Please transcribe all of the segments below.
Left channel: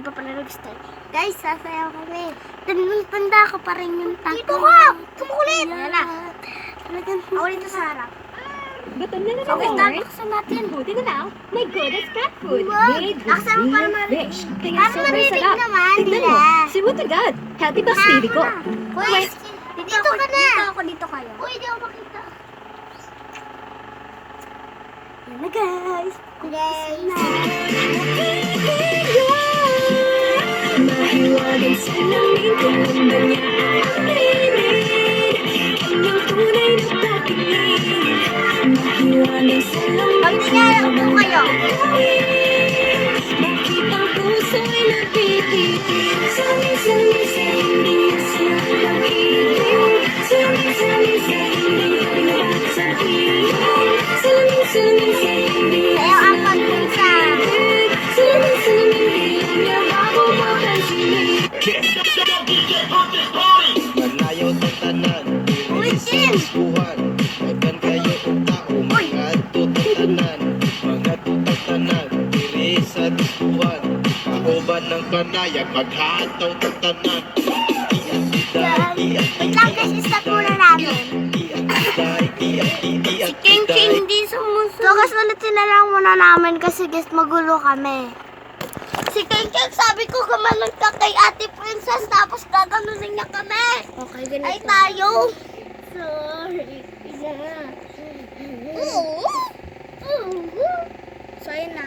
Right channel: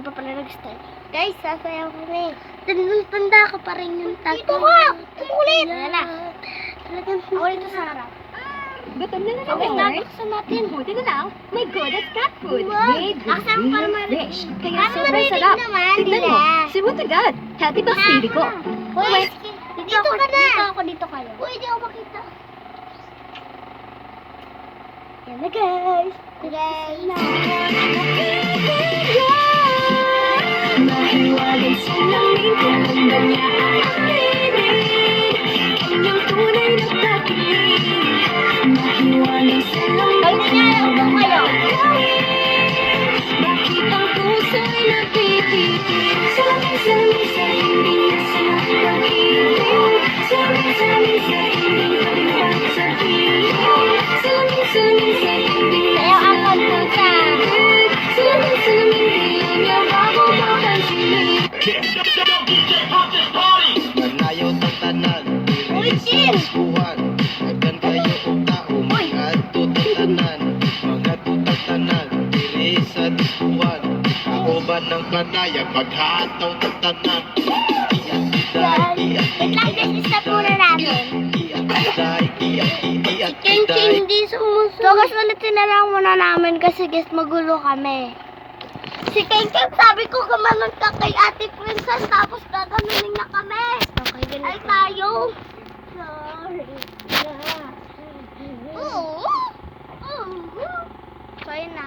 hindi pa pala nag-start. Guys, sasayaw kami. Tanda ko pa rin yung tag. Dito ka! Tumukulit! Ayan na. Ako dito sa harap. Gutom na So, guys, naman, buksan natin. Buti na lang, may good as cat food. Wow. Made with Aksa mo para real marinig. fish. Kaya Para sobrang marinig sarap. naman Tignan mo, nila. si Wood agad. Healthy ba baby ko? Hoy, dito ka na. Dito kayo. Uy, di ako makita. Yan na, guys. Guys. Mahiwagang salamin, kailan ba niya aaminin? Kanyang tunay na pag-ibig. Mahiwagang salamin, Pag nilalak po kayo. bakit ang puso'y napipitig? Salamin sa hindi niya sa pag-ibig. Salamin sa hindi kailang sabihin. Salamin sa hindi Sayaw ang pagpunsa. Manayaw sa tanan, diri sa Paskuhan. Nagkan kayo kung tao, mga tutatanan. Mga tutatanan, diri sa Paskuhan. Kauban ng panayag, maghataw ng tanan. Wait lang, guys. Stop muna namin. King hindi sumusunod. So, guys, ulitin na lang muna namin kasi guys, magulo kami. Si King sabi ko gumanon ka kay Ate Princess tapos gaganunin niya kami. Okay, ganito. Ay, tayo. Sorry na. Oo. So, ayun na.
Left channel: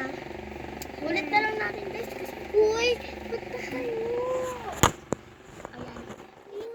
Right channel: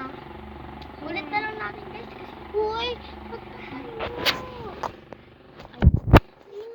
Ulit na lang natin guys kasi, uy, ba't tayo?